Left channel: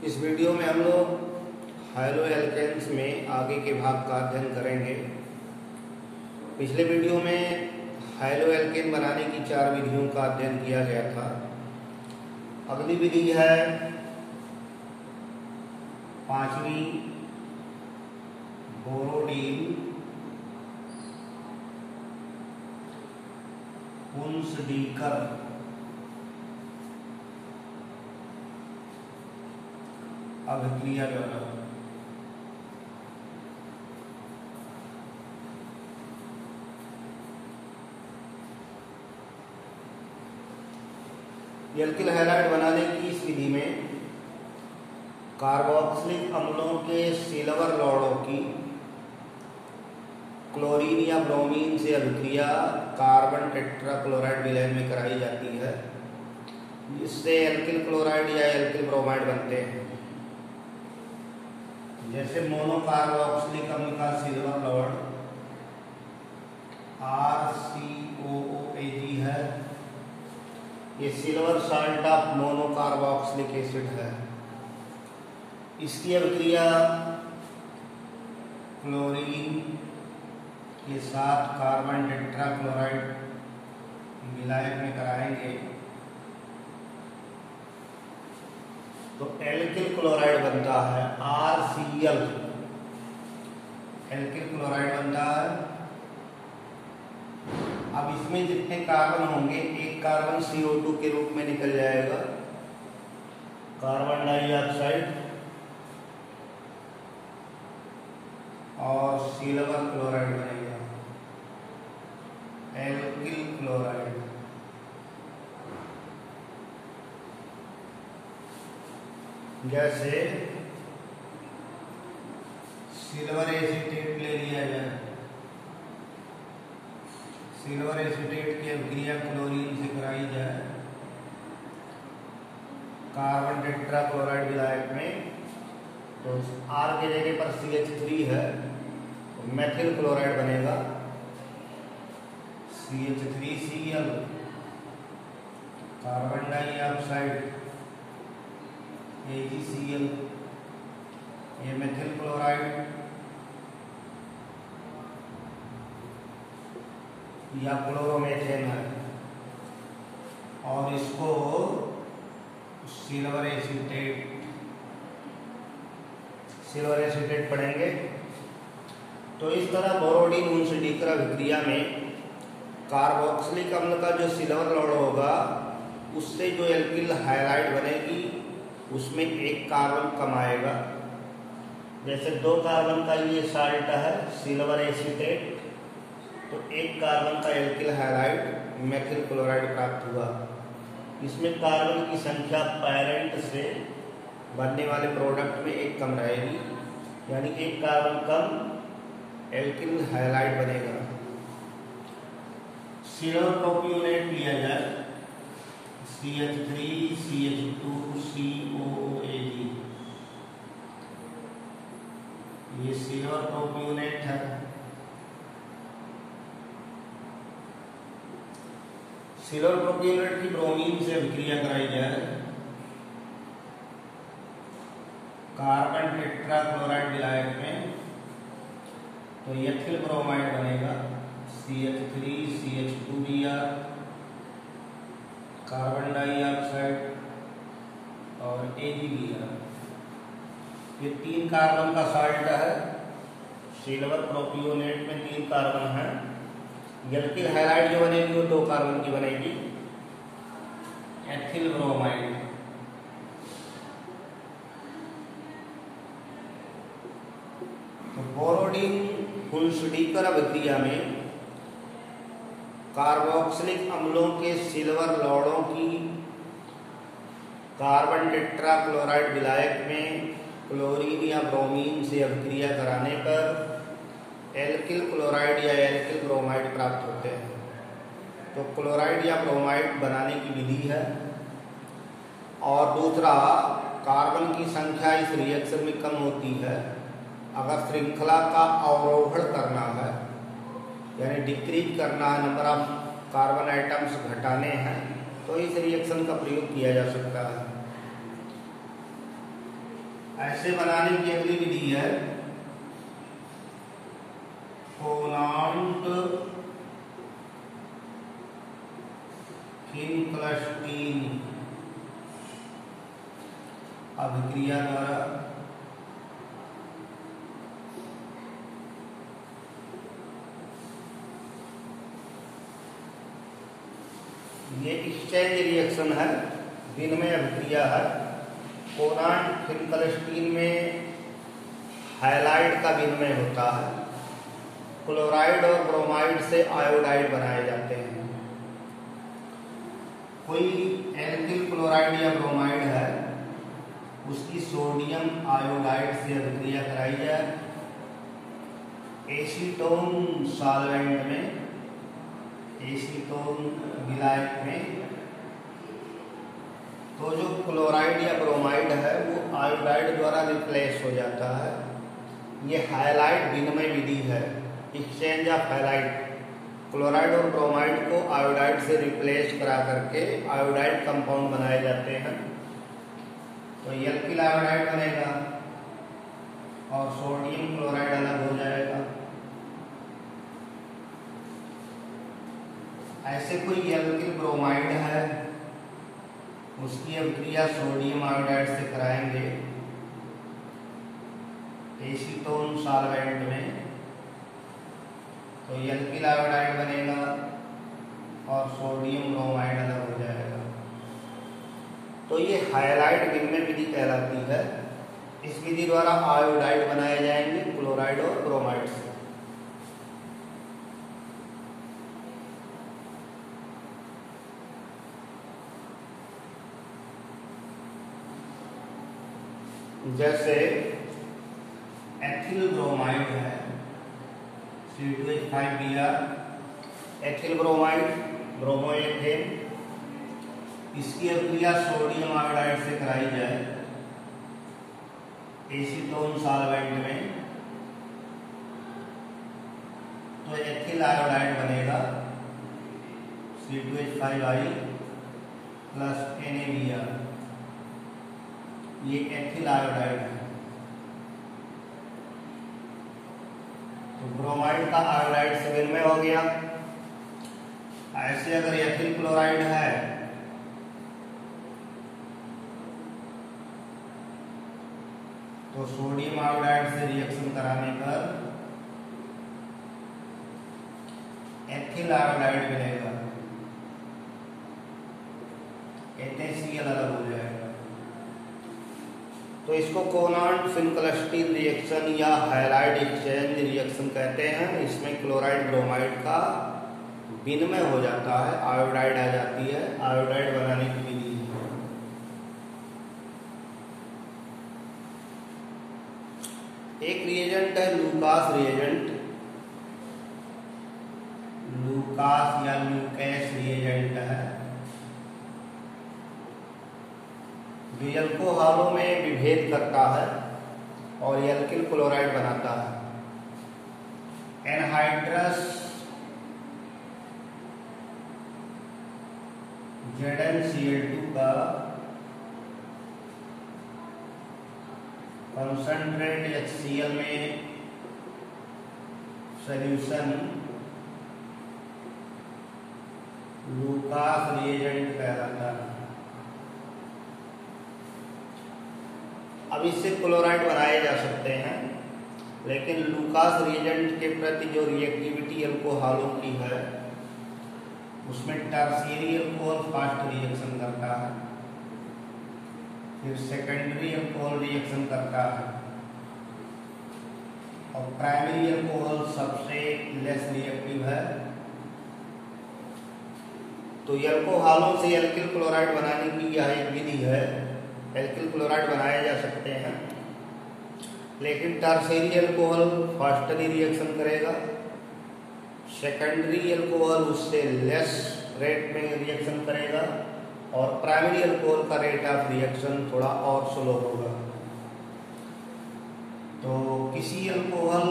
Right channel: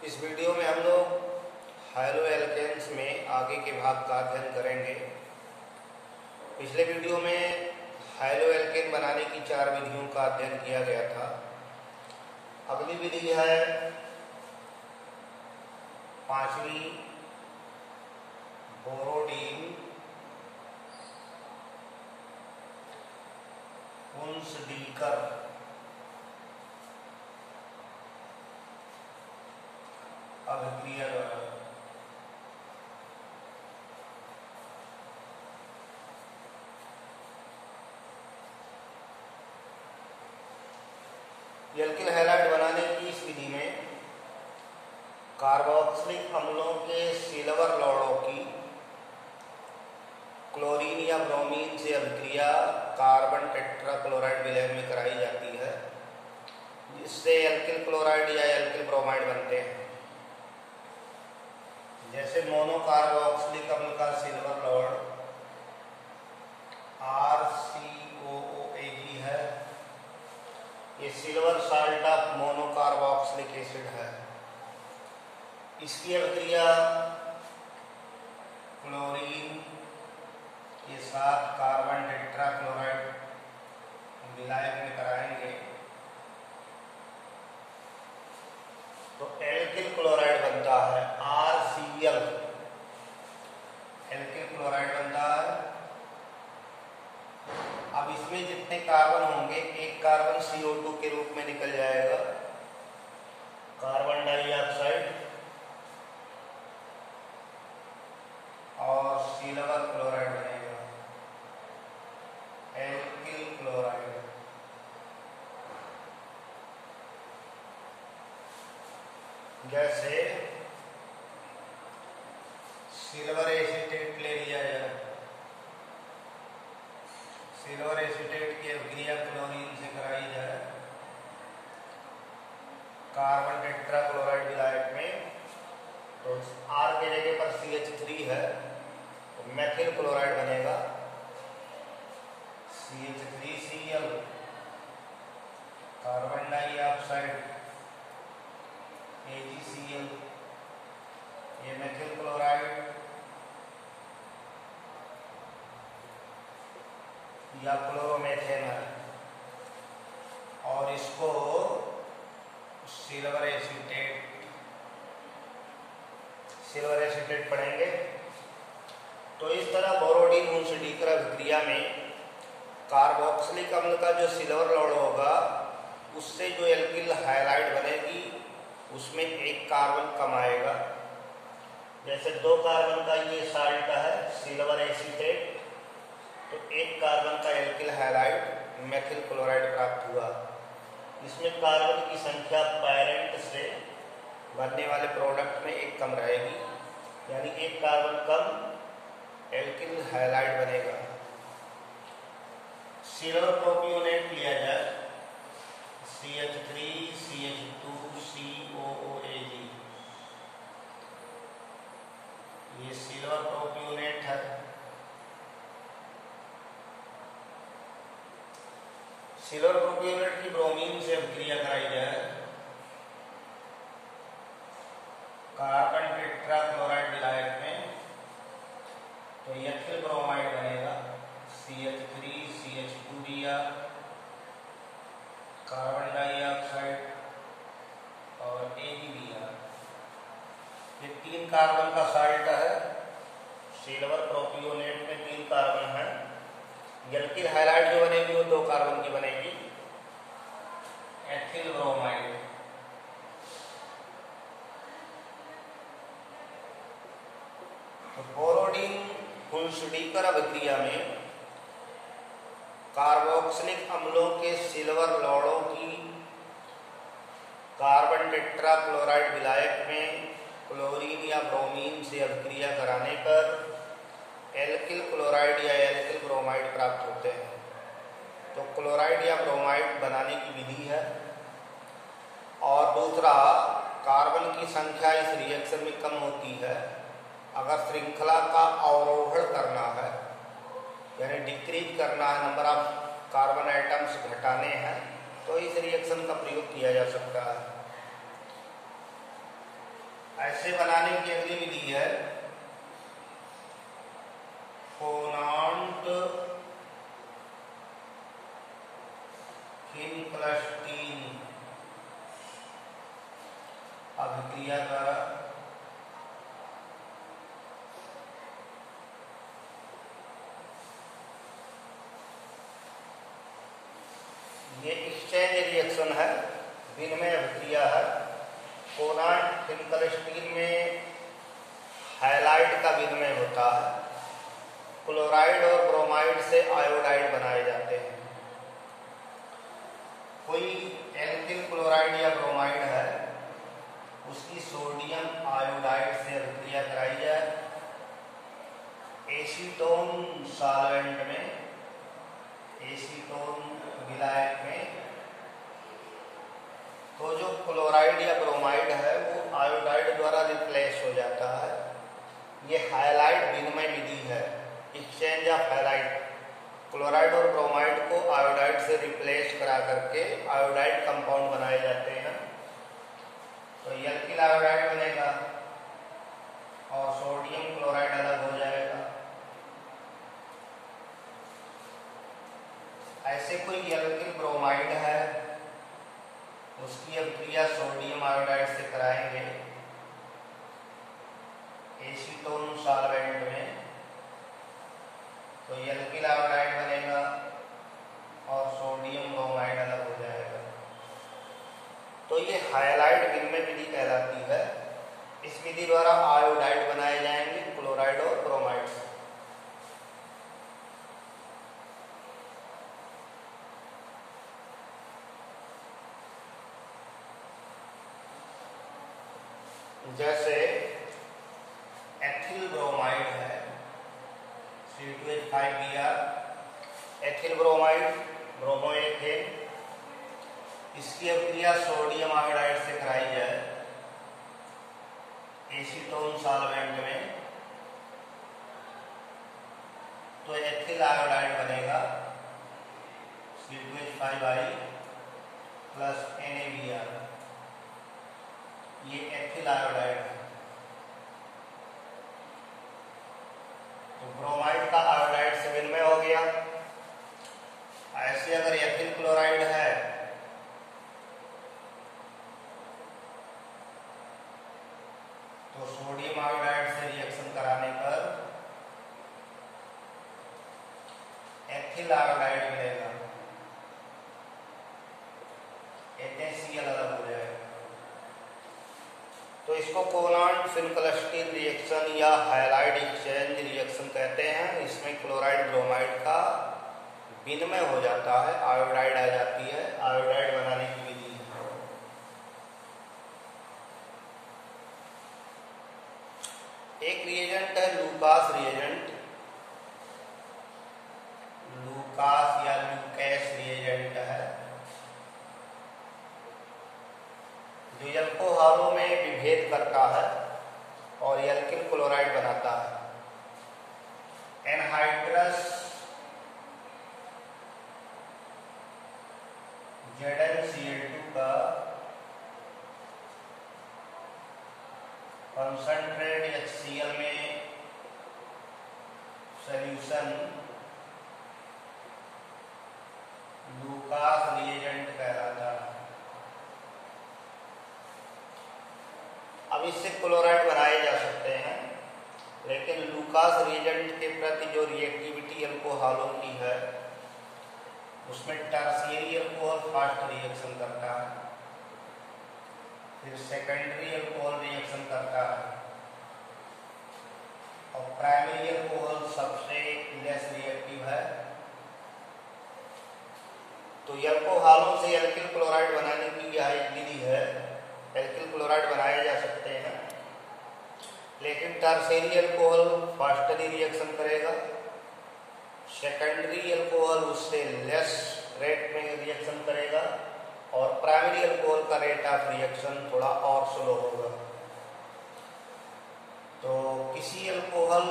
इस वीडियो में हम लोग हैलो एल्केन्स में आगे के भाग का अध्ययन करेंगे। पिछले वीडियो में हैलो एल्केन बनाने की 4 विधियों का अध्ययन किया गया था। अगली विधि है 5वीं बोरोडीन पुंसडीकर अभिक्रिया द्वारा। एल्किल हैलाइड बनाने की इस विधि में कार्बोक्सिलिक अम्लों के सिल्वर लौड़ों की क्लोरीन या ब्रोमीन से अभिक्रिया कार्बन टेट्राक्लोराइड विलयन में कराई जाती है। इससे एल्किल क्लोराइड या एल्किल ब्रोमाइड बनते हैं। जैसे मोनोकार्बोक्सिलिक अम्ल का सिल्वर लौड़ RCOOAG है, ये silver salt of monocarboxylic acid है। इसकी अभिक्रिया क्लोरीन के साथ कार्बन टेट्राक्लोराइड विलायक में कराएंगे तो एल्किल क्लोराइड बनता है, RCl एल्किल क्लोराइड बनता है। अब इसमें जितने कार्बन होंगे, एक कार्बन CO2 के रूप में निकल जाएगा, कार्बन डाइऑक्साइड, और सिल्वर क्लोराइड बनेगा, एल्किल क्लोराइड। जैसे सिल्वर एसीटेट ले लिया जाए, सिल्वर एसीटेट की अभिक्रिया क्लोरीन से कराई जाए कार्बन टेट्राक्लोराइड विलायक में, तो R के जगह पर CH3 है तो मेथिल क्लोराइड बनेगा, CH3Cl, कार्बन डाइऑक्साइड AgCl, ये मेथिल क्लोराइड या क्लोरोमेथेन है, और इसको सिल्वर एसीटेट पढ़ेंगे। तो इस तरह बोरोडीन पुंसडीकर अभिक्रिया में कार्बोक्सिलिक अम्ल का जो सिल्वर लौड़ होगा उससे जो एल्किल हैलाइड बनेगी उसमें एक कार्बन कम आएगा। जैसे 2 कार्बन का ये साल्ट है सिल्वर एसीटेट, तो 1 कार्बन का एल्किल हैलाइड मेथिल क्लोराइड प्राप्त हुआ। इसमें कार्बन की संख्या पैरेंट से बनने वाले प्रोडक्ट में 1 कम रहेगी, यानी 1 कार्बन कम एल्किल हैलाइड बनेगा। सिल्वर प्रोपियोनेट लिया जाए, CH3CH2COOAG, ये सिल्वर प्रोपियोनेट है। सिल्वर प्रोपियोनेट की ब्रोमीन से अभिक्रिया कराई जाए कार्बन टेट्राक्लोराइड विलायक में, तो एथिल ब्रोमाइड बनेगा, CH3CH2Br, कार्बन डाइऑक्साइड और AgBr। ये 3 कार्बन का साल्ट है। सिल्वर प्रोपियोनेट में 3 कार्बन है। एल्किल हैलाइड जो बनेगी वो 2 कार्बन की बनेगी, एथिल ब्रोमाइड। तो बोरोडीन पुंसडीकर अभिक्रिया में कार्बोक्सिलिक अम्लों के सिल्वर लौड़ों की कार्बन टेट्राक्लोराइड विलायक में क्लोरीन या ब्रोमीन से अभिक्रिया कराने पर एल्किल क्लोराइड या एल्किल ब्रोमाइड प्राप्त होते हैं। तो क्लोराइड या ब्रोमाइड बनाने की विधि है। और दूसरा, कार्बन की संख्या इस रिएक्शन में कम होती है। अगर श्रृंखला का अवरोहण करना है, यानी डिक्रीज करना है, नंबर ऑफ कार्बन आइटम्स घटाने हैं, तो इस रिएक्शन का प्रयोग किया जा सकता है। ऐसे बनाने की अगली विधि है कोनांट फिनकलस्टीन अभिक्रिया द्वारा ये एक्सचेंज रिएक्शन है, विनिमय अभिक्रिया है। कोनांट फिनकलस्टीन में हाइलाइड का विनिमय होता है। क्लोराइड और ब्रोमाइड से आयोडाइड बनाए जाते हैं। कोई एल्किल क्लोराइड या ब्रोमाइड है, उसकी सोडियम आयोडाइड से अभिक्रिया कराई जाए एसीटोन सॉल्वेंट में, एसीटोन विलायक में, तो जो क्लोराइड या ब्रोमाइड है वो आयोडाइड द्वारा रिप्लेस हो जाता है। ये हाइलाइड विनिमय विधि है, एक्सचेंज ऑफ हाइलाइड। क्लोराइड और ब्रोमाइड को आयोडाइड से रिप्लेस करा करके आयोडाइड कंपाउंड बनाए जाते हैं। तो एल्किल आयोडाइड बनेगा और सोडियम क्लोराइड अलग हो जाएगा। ऐसे कोई एल्किल ब्रोमाइड है, उसकी अभिक्रिया सोडियम आयोडाइड से कराएंगे एसीटोन सॉल्वेंट में, तो एल्किल आयोडाइड बनेगा और सोडियम ब्रोमाइड अलग हो जाएगा। तो ये हाइलाइड विनिमय विधि कहलाती है। इस विधि द्वारा आयोडाइड बनाए जाएंगे क्लोराइड और ब्रोमाइड से। जैसे एथिल ब्रोमाइड है, C2H5Br, एथिल ब्रोमाइड, ब्रोमोएथेन, इसकी अभिक्रिया सोडियम आयोडाइड से कराई जाए एसीटोन सॉल्वेंट में, तो एथिल आयोडाइड बनेगा C2H5I प्लस NaBr। ये एथिल आयोडाइड है। तो ब्रोमाइड का आयोडाइड से विनिमय हो गया। ऐसे अगर एथिल क्लोराइड है तो सोडियम आयोडाइड से रिएक्शन कराने पर एथिल आयोडाइड मिलेगा, NaCl अलग हो जाएगा। तो इसको कोनांट फिनकलस्टीन रिएक्शन या हाइलाइड एक्सचेंज रिएक्शन कहते हैं। इसमें क्लोराइड ब्रोमाइड का विनिमय हो जाता है, आयोडाइड आ जाती है। आयोडाइड बनाने की विधि है। एक रिएजेंट है लूकास रिएजेंट, लूकास या लूकेस रिएजेंट है, जो एल्कोहलों में विभेद करता है और एल्किल क्लोराइड बनाता है। एनहाइड्रस ZnCl2 का कंसंट्रेट HCl में सॉल्यूशन लूकास रिएजेंट कहलाता है। अब इससे क्लोराइड बनाए जा सकते हैं, लेकिन लूकास रिएजेंट के प्रति जो रिएक्टिविटी अल्कोहलों की है उसमें टर्शियरी अल्कोहल फास्ट रिएक्शन करता है, फिर सेकेंडरी अल्कोहल रिएक्शन करता है और प्राइमरी अल्कोहल सबसे लेस रिएक्टिव है। तो अल्कोहलों से एल्किल क्लोराइड बनाने की यह एक विधि है। एल्किल क्लोराइड बनाए जा सकते हैं, लेकिन टर्शियरी अल्कोहल फास्टली रिएक्शन करेगा, सेकेंडरी अल्कोहल उससे लेस रेट में रिएक्शन करेगा और प्राइमरी अल्कोहल का रेट ऑफ रिएक्शन थोड़ा और स्लो होगा। तो किसी अल्कोहल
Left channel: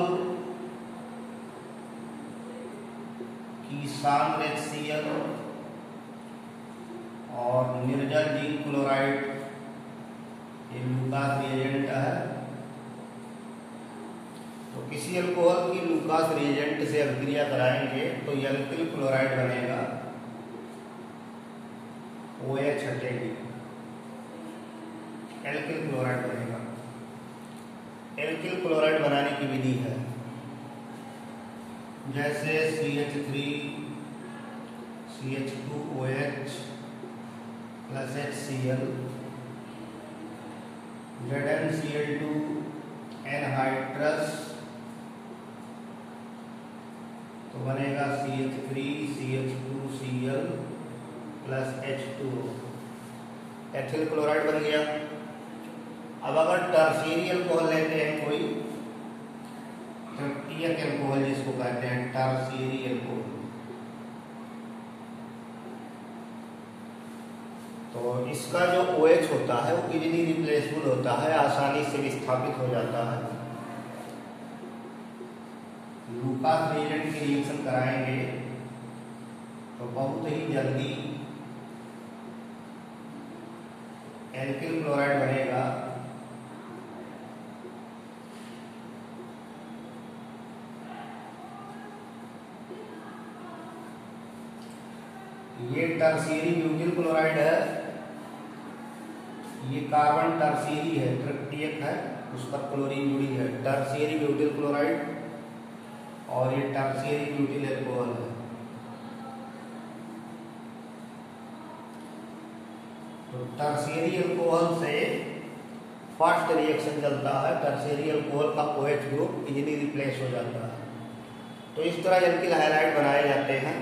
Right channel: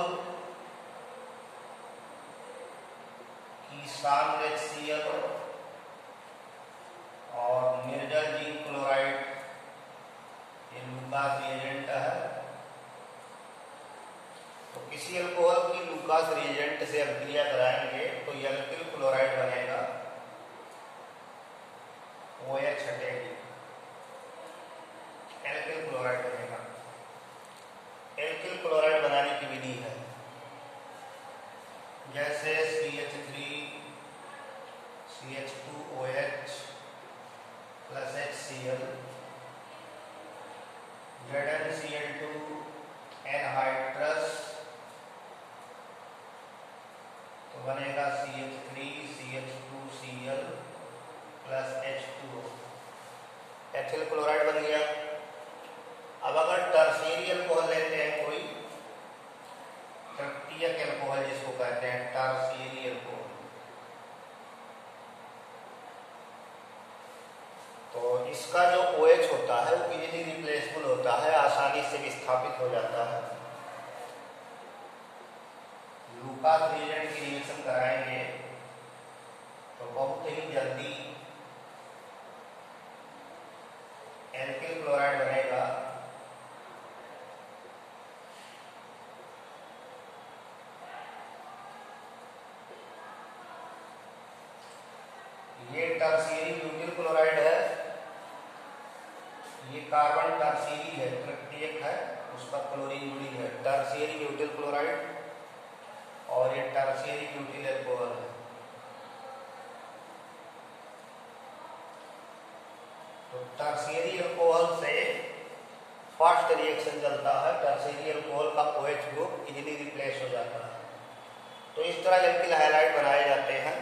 की सांद्र HCl और निर्जल जिंक क्लोराइड ये लूकास रिएजेंट है। किसी अल्कोहल की लूकास रिएजेंट से अभिक्रिया कराएंगे तो एल्किल क्लोराइड बनेगा, OH हटेगी, एल्किल क्लोराइड बनेगा। एल्किल क्लोराइड बनाने की विधि है जैसे CH3 CH2OH plus HCl, ZnCl2 anhydrous, तो बनेगा CH3 CH2Cl plus H2O, ethyl chloride बन गया। अब अगर टर्शियरी अल्कोहल लेते हैं कोई, तृतीयक अल्कोहल जिसको कहते हैं टर्शियरी अल्कोहल, तो इसका जो OH होता है वो इजीली रिप्लेसेबल होता है, आसानी से विस्थापित हो जाता है। लूकास रिएजेंट की रिएक्शन कराएंगे तो बहुत ही जल्दी एल्किल क्लोराइड बनेगा। ये टर्शियरी ब्यूटिल क्लोराइड है, ये कार्बन टर्शियरी है, तृतीयक है, उस पर क्लोरीन जुड़ी है, टर्शियरी ब्यूटिल क्लोराइड, और ये टर्शियरी ब्यूटिल अल्कोहल है। तो टर्शियरी अल्कोहल से फास्ट रिएक्शन चलता है, टर्शियरी अल्कोहल का OH ग्रुप इजीली रिप्लेस हो जाता है। तो इस तरह एल्किल हाइलाइड बनाए जाते हैं।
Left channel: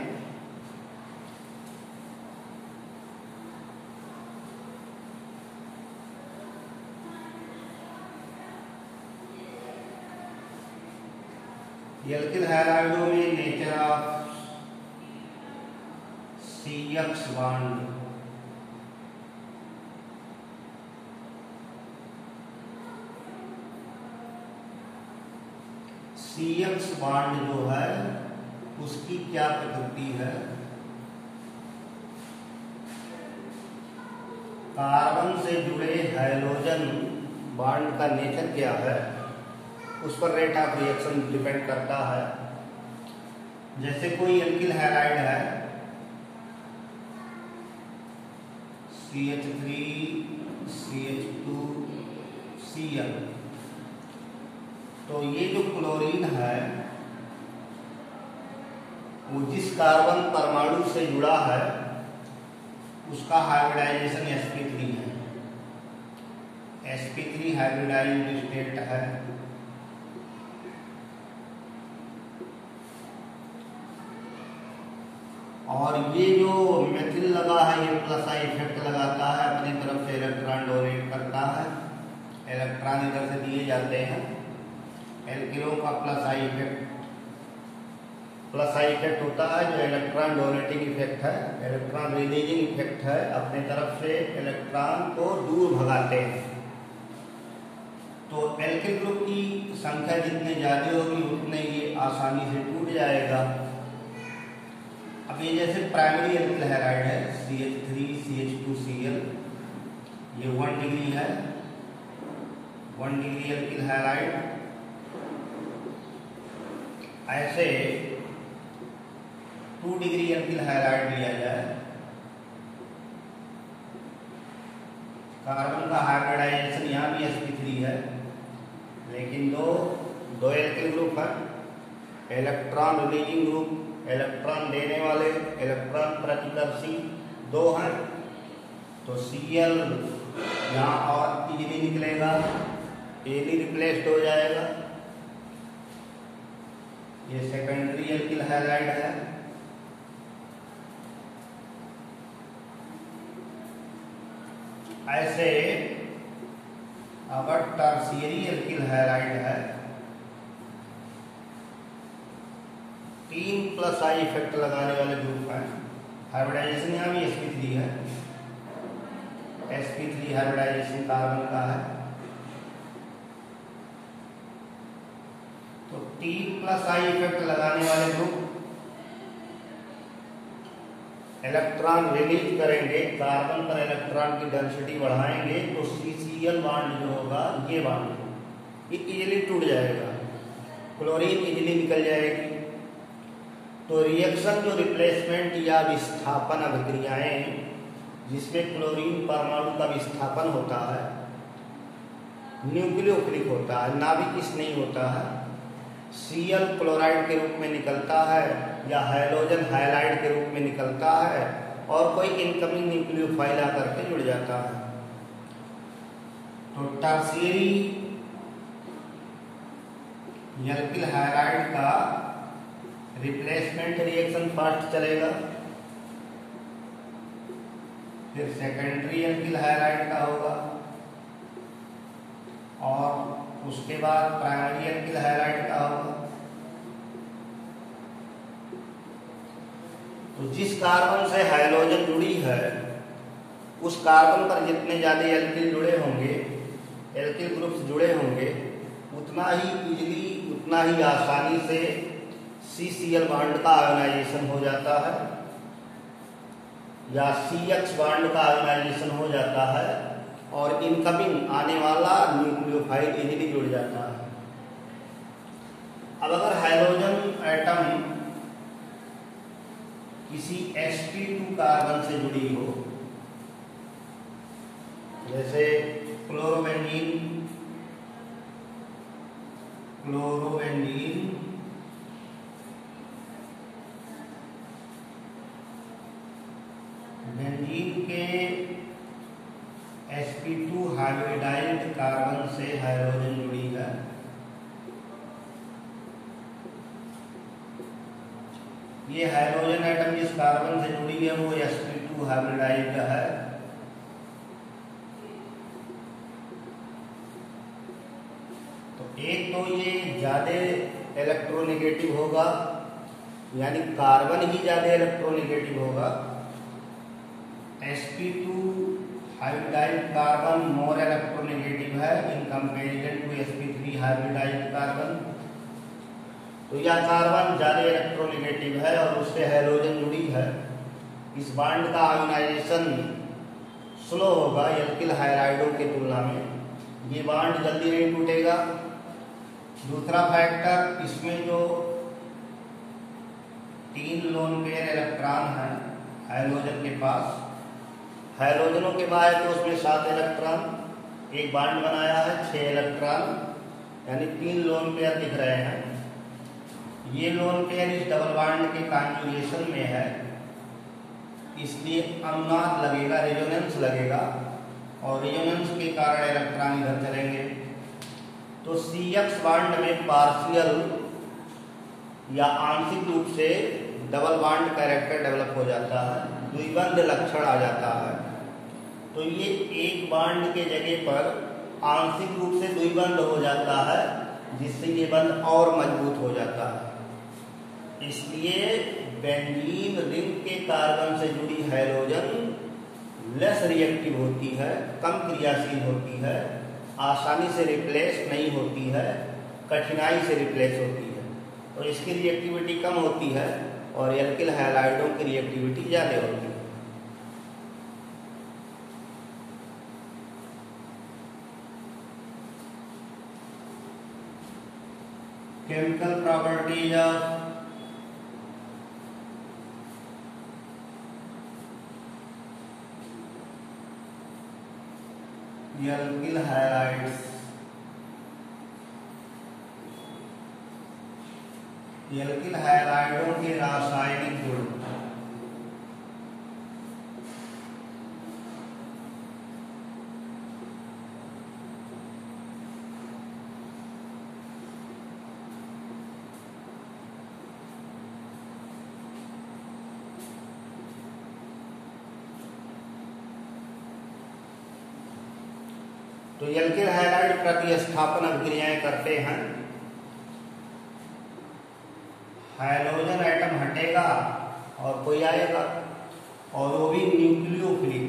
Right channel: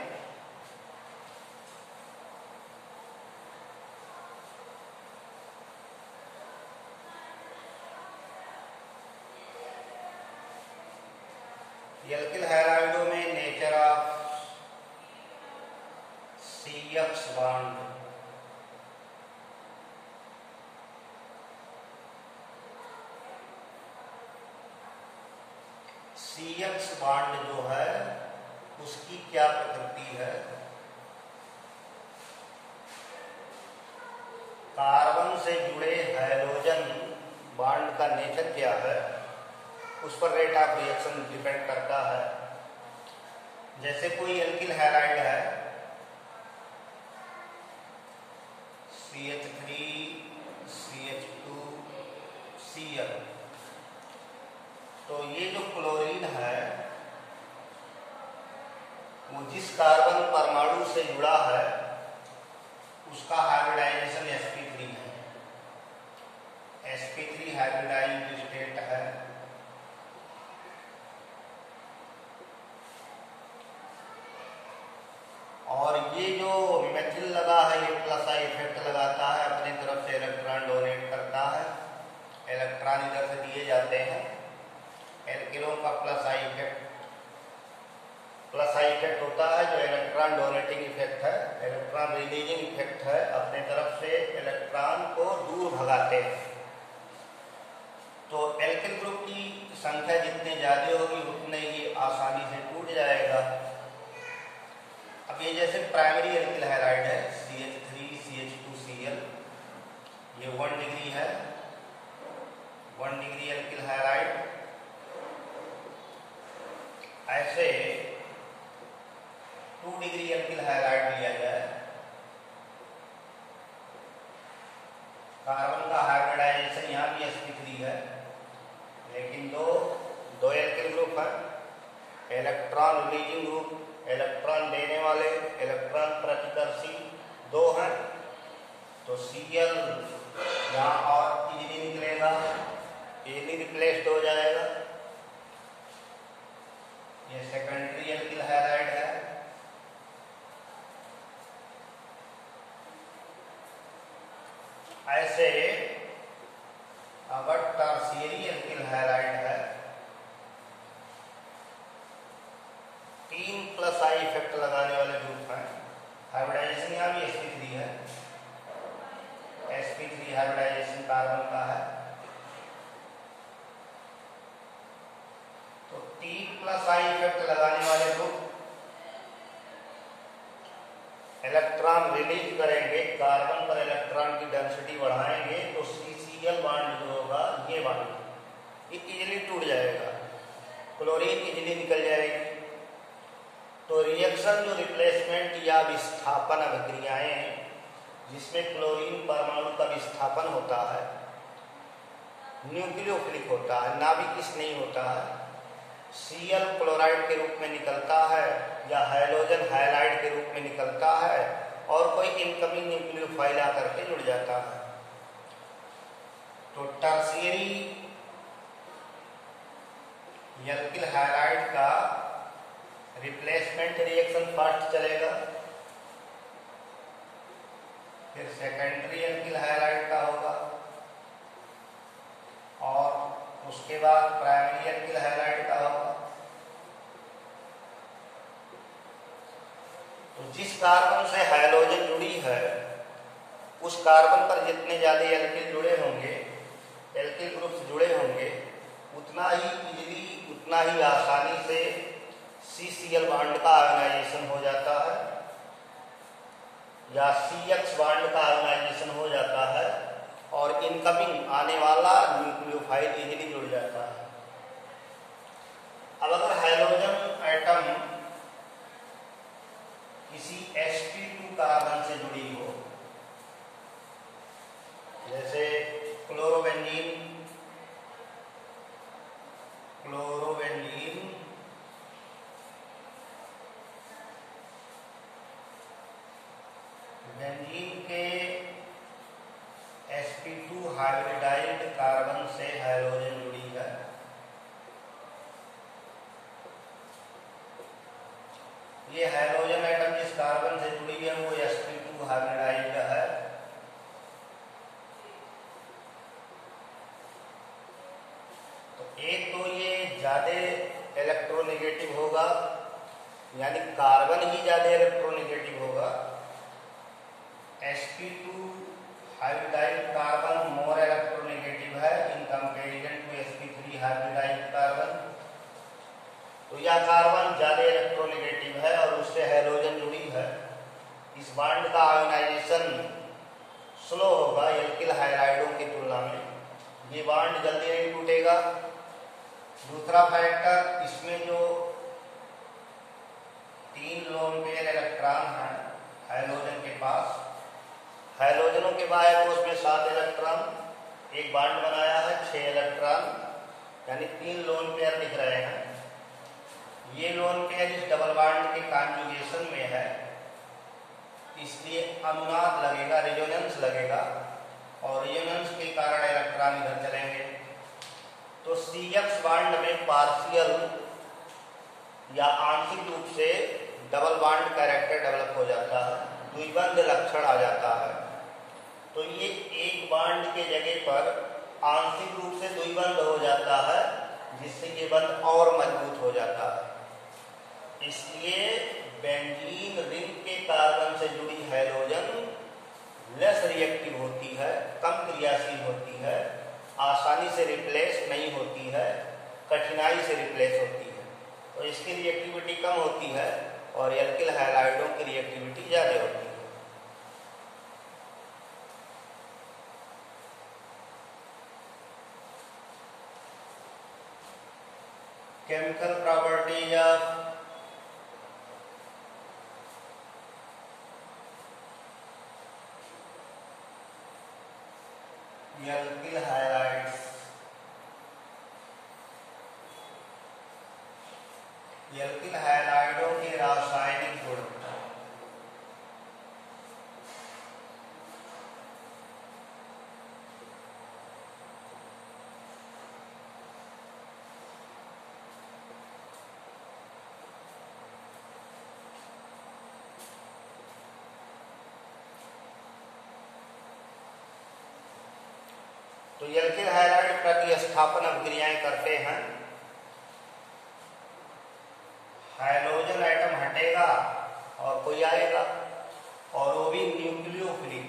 एल्किल हाइलाइडों में nature of CX bond, CX bond जो है उसकी क्या प्रकृति है, कार्बन से जुड़े हाइड्रोजन बॉन्ड का नेचर क्या है, उस पर रेट ऑफ रिएक्शन डिपेंड करता है। जैसे कोई एल्किल हैलाइड है CH3 CH2Cl, तो ये जो क्लोरीन है वो जिस कार्बन परमाणु से जुड़ा है उसका हाइब्रिडाइजेशन sp3 है, sp3 हाइब्रिडाइज्ड स्टेट है। और ये जो मेथिल लगा है ये प्लस आई इफेक्ट लगाता है, अपनी तरफ से इलेक्ट्रॉन डोनेट करता है, इलेक्ट्रॉन इधर से दिए जाते हैं। एल्किलों का प्लस आई इफेक्ट होता है जो इलेक्ट्रॉन डोनेटिंग इफेक्ट है, इलेक्ट्रॉन रिलीजिंग इफेक्ट है, अपने तरफ से इलेक्ट्रॉन को दूर भगाते हैं। तो एल्किल ग्रुप की संख्या जितने ज्यादा होगी उतने ये आसानी से टूट जाएगा। अब ये जैसे प्राइमरी एल्किल हैलाइड है CH3 CH2Cl, ये 1 डिग्री है, 1 डिग्री एल्किल हैलाइड। ऐसे 2 डिग्री एल्किल हैलाइड लिया जाए, कार्बन का हाइब्रिडाइजेशन यहाँ भी sp3 है, लेकिन दो एल्किल ग्रुप है, इलेक्ट्रॉन रिलीजिंग ग्रुप, इलेक्ट्रॉन देने वाले, इलेक्ट्रॉन प्रतिकर्षी 2 हैं। तो Cl यहाँ और इजीली निकलेगा, इजीली रिप्लेस्ड हो जाएगा। ये सेकेंडरी एल्किल हैलाइड है। ऐसे अगर टर्शियरी एल्किल हैलाइड है, 3 प्लस आई इफेक्ट लगाने वाले ग्रुप हैं, हाइब्रिडाइजेशन यहाँ भी sp3 है, sp3 हाइब्रिडाइजेशन कार्बन का है। तो 3 प्लस आई इफेक्ट लगाने वाले ग्रुप इलेक्ट्रॉन रिलीज करेंगे, कार्बन पर इलेक्ट्रॉन की डेंसिटी बढ़ाएंगे, तो CCl बॉन्ड जो होगा ये बॉन्ड ये इजीली टूट जाएगा। क्लोरीन इजिली निकल जाएगी। तो रिएक्शन जो रिप्लेसमेंट या विस्थापन अभिक्रियाएं जिसमें क्लोरीन परमाणु का विस्थापन होता है, न्यूक्लियोफिलिक होता है, नाभिकिस नहीं होता है, Cl क्लोराइड के रूप में निकलता है या हाइड्रोजन हाइलाइड के रूप में निकलता है और कोई इनकमिंग न्यूक्लियोफाइल आकर के जुड़ जाता है। तो टर्शियरी एल्किल हाइलाइड का रिप्लेसमेंट रिएक्शन फास्ट चलेगा, फिर सेकेंडरी एल्किल हाइलाइड का होगा और उसके बाद प्राइमरी एल्किल हाइलाइड का होगा। तो जिस कार्बन से हाइड्रोजन जुड़ी है उस कार्बन पर जितने ज्यादा एल्किल जुड़े होंगे, एल्किल ग्रुप्स जुड़े होंगे, उतना ही इजीली, उतना ही आसानी से CCl बॉन्ड का आयोनाइजेशन हो जाता है या CX बॉन्ड का आयोनाइजेशन हो जाता है और इनकमिंग आने वाला न्यूक्लियोफाइल इजीली जुड़ जाता है। अब अगर हाइड्रोजन एटम किसी sp2 कार्बन से जुड़ी हो, जैसे क्लोरोबेंजीन बेंजीन के sp2 हाइब्रिडाइज्ड कार्बन से हाइड्रोजन जुड़ी है, ये हाइड्रोजन एटम जिस कार्बन से जुड़ी है वो sp2 हाइब्रिडाइज्ड है। तो एक तो ये ज्यादा इलेक्ट्रोनेगेटिव होगा, यानी कार्बन ही ज्यादा इलेक्ट्रोनेगेटिव होगा। sp2 hybridised carbon more electronegative है in comparison to sp3 hybridized carbon. तो यह कार्बन ज्यादा इलेक्ट्रोनेगेटिव है और उससे हाइड्रोजन जुड़ी है। इस बॉन्ड का आयोनाइजेशन स्लो होगा एल्किल हाइड्राइडों की तुलना में, ये बॉन्ड जल्दी नहीं टूटेगा। दूसरा फैक्टर, इसमें जो 3 लोन पेयर इलेक्ट्रॉन है हाइड्रोजन के पास, हाइड्रोजनों के बाद उसमें 7 इलेक्ट्रॉन, एक बॉन्ड बनाया है 6 इलेक्ट्रॉन, यानी 3 लोन पेयर दिख रहे हैं। ये लोन पेयर इस डबल बॉन्ड के कॉन्जुगेशन में है, इसलिए अनुनाद लगेगा, रेजोनेंस लगेगा और रेजोनेंस के कारण इलेक्ट्रॉन इधर चलेंगे। तो CX बॉन्ड में पार्शियल या आंशिक रूप से डबल बॉन्ड कैरेक्टर डेवलप हो जाता है, द्विबंध लक्षण आ जाता है। तो ये एक बॉन्ड के जगह पर आंशिक रूप से द्विबंध हो जाता है, जिससे ये बंध और मजबूत हो जाता है। इसलिए बेंजीन रिंग के कार्बन से जुड़ी हाइड्रोजन लेस रिएक्टिव होती है, कम क्रियाशील होती है, आसानी से रिप्लेस नहीं होती है, कठिनाई से रिप्लेस होती है। तो इसकी रिएक्टिविटी कम होती है और एल्किल हाइड्राइडों की रिएक्टिविटी ज्यादा होती है। Chemical properties of alkyl hydrides. Alkyl हाइड्राइडों के रासायनिक गुण। तो एल्किल हाइड्राइड प्रतिस्थापन अभिक्रियाएं करते हैं, हाइड्रोजन एटम हटेगा और कोई आएगा और वो भी न्यूक्लियोफिलिक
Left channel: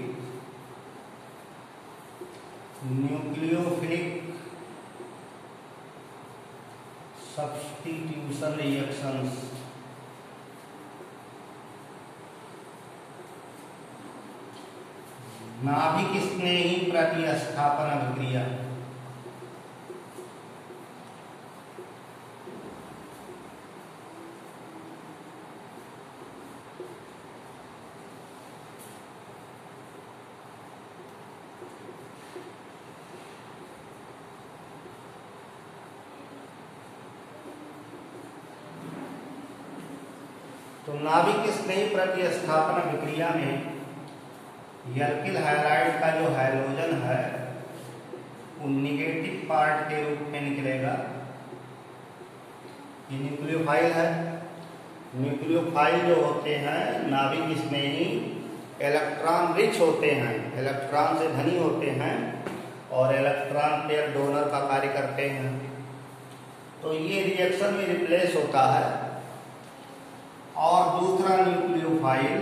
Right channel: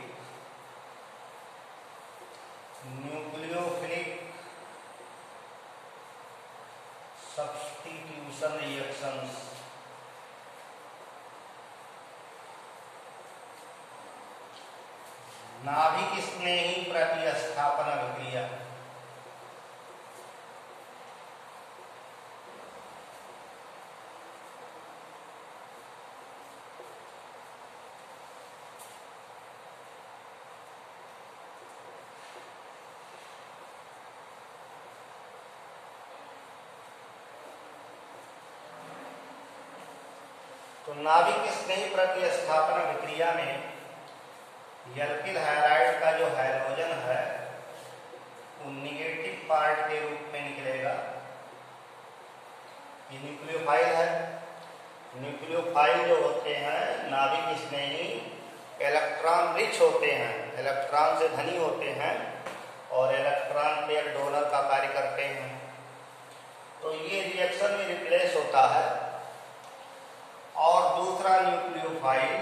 सब्स्टिट्यूशन रिएक्शंस। नाभिक स्नेही प्रतिस्थापन अभिक्रिया। तो नाभिक स्नेही प्रतिस्थापन विक्रिया में एल्किल हैलाइड का जो हाइड्रोजन है वो निगेटिव पार्ट के रूप में निकलेगा। ये न्यूक्लियोफाइल है। न्यूक्लियोफाइल जो होते हैं नाभिक स्नेही इलेक्ट्रॉन रिच होते हैं, इलेक्ट्रॉन से धनी होते हैं और इलेक्ट्रॉन पेयर डोनर का कार्य करते हैं। तो ये रिएक्शन में रिप्लेस होता है। और दूसरा न्यूक्लियोफाइल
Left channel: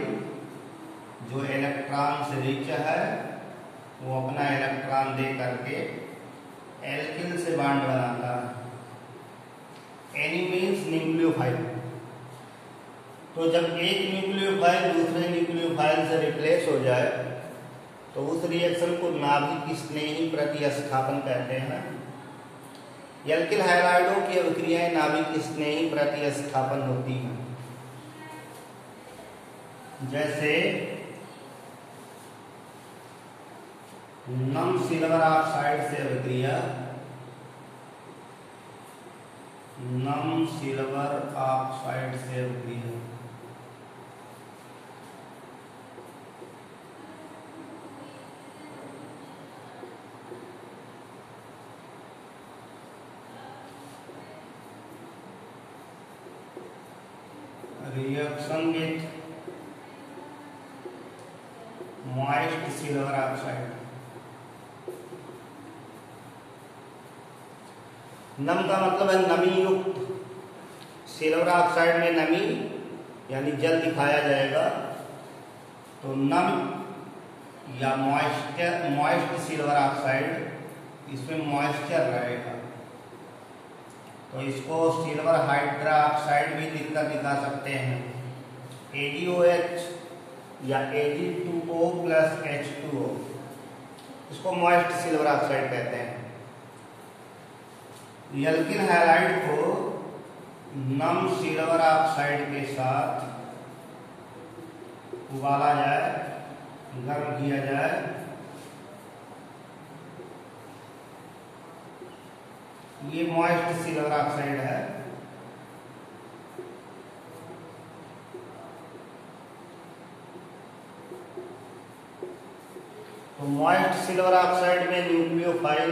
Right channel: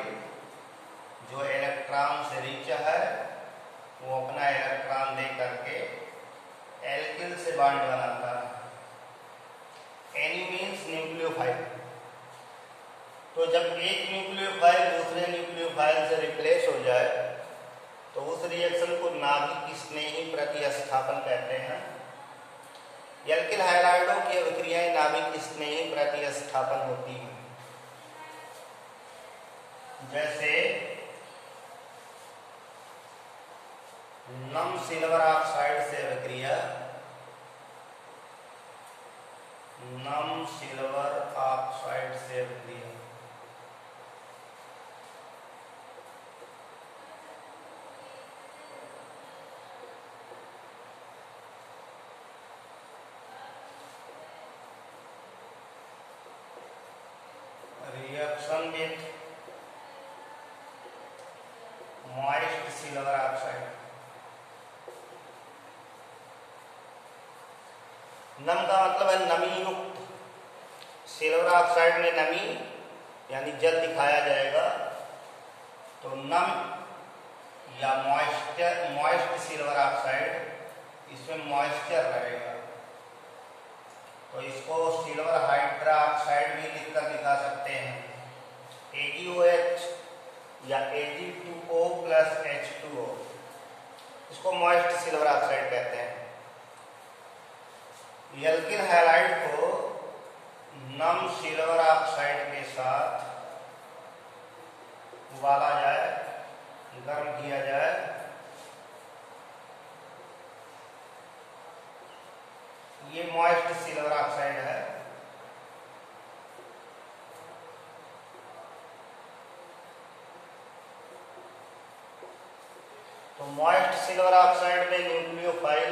जो इलेक्ट्रॉन से रिच है वो अपना इलेक्ट्रॉन दे करके एल्किल से बॉन्ड बनाता है। Any means nucleophile. तो जब एक न्यूक्लियोफाइल दूसरे न्यूक्लियोफाइल से रिप्लेस हो जाए तो उस रिएक्शन को नाभिक स्नेही प्रतिस्थापन कहते हैं। एल्किल हाइड्राइडों की अभिक्रियाएं नाभिक स्नेही प्रतिस्थापन होती हैं। जैसे नम सिल्वर ऑक्साइड से अभिक्रिया, नम सिल्वर ऑक्साइड से अभिक्रिया, reaction with moist silver oxide। नम का मतलब है नमी युक्त, सिल्वर ऑक्साइड में नमी यानी जल दिखाया जाएगा। तो नम या मॉइस्ट सिल्वर ऑक्साइड, इसमें मॉइस्चर रहेगा तो इसको सिल्वर हाइड्रोक्साइड भी लिखकर दिखा सकते हैं। AgOH या Ag2O प्लस H2O, इसको मॉइस्ट सिल्वर ऑक्साइड कहते हैं। एल्किल हैलाइड को नम सिल्वर ऑक्साइड के साथ उबाला जाए, गर्म किया जाए, ये मॉइस्ट सिल्वर ऑक्साइड है। तो मॉइस्ट सिल्वर ऑक्साइड में न्यूक्लियोफाइल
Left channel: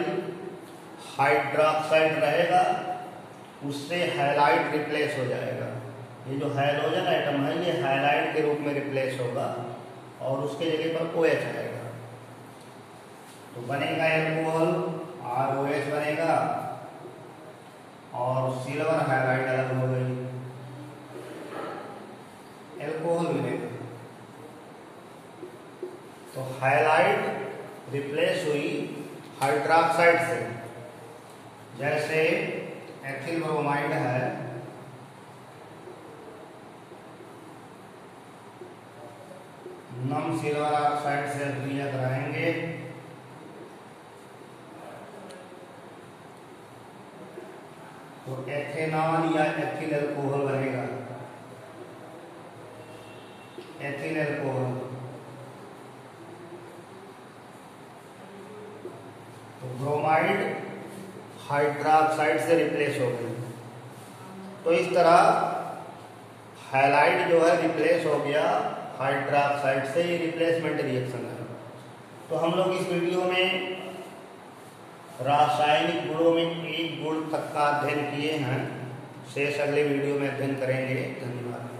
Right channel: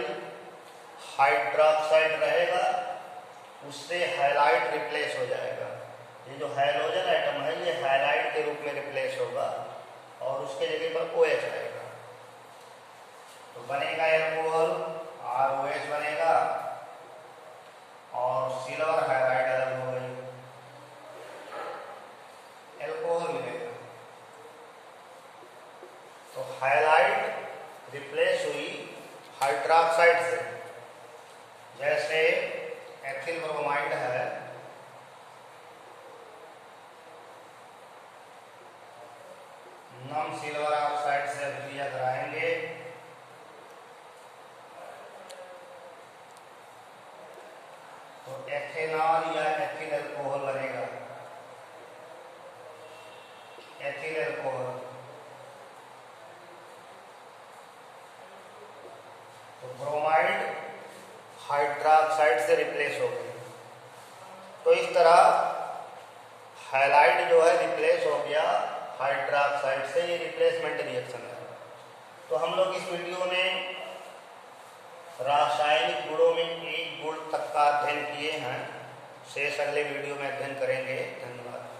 हाइड्रोक्साइड रहेगा, उससे हैलाइड रिप्लेस हो जाएगा। ये जो हाइड्रोजन एटम है ये हैलाइड के रूप में रिप्लेस होगा और उसके जगह पर OH आएगा। तो बनेगा एल्कोहल, ROH बनेगा और सिल्वर हाइड्राइड अलग हो गई, एल्कोहल मिलेगा। तो हाइलाइड रिप्लेस हुई हाइड्रोक्साइड से। जैसे एथिल ब्रोमाइड है, नम सिल्वर ऑक्साइड से अभिक्रिया कराएंगे तो एथेनॉल या एथिल अल्कोहल बनेगा, एथिल अल्कोहल। तो ब्रोमाइड हाइड्रोक्साइड से रिप्लेस हो गई। तो इस तरह हैलाइड जो है रिप्लेस हो गया हाइड्रोक्साइड से। ये रिप्लेसमेंट रिएक्शन है। तो हम लोग इस वीडियो में रासायनिक गुणों में एक गुण तक का अध्ययन किए हैं। शेष अगले वीडियो में अध्ययन करेंगे। धन्यवाद।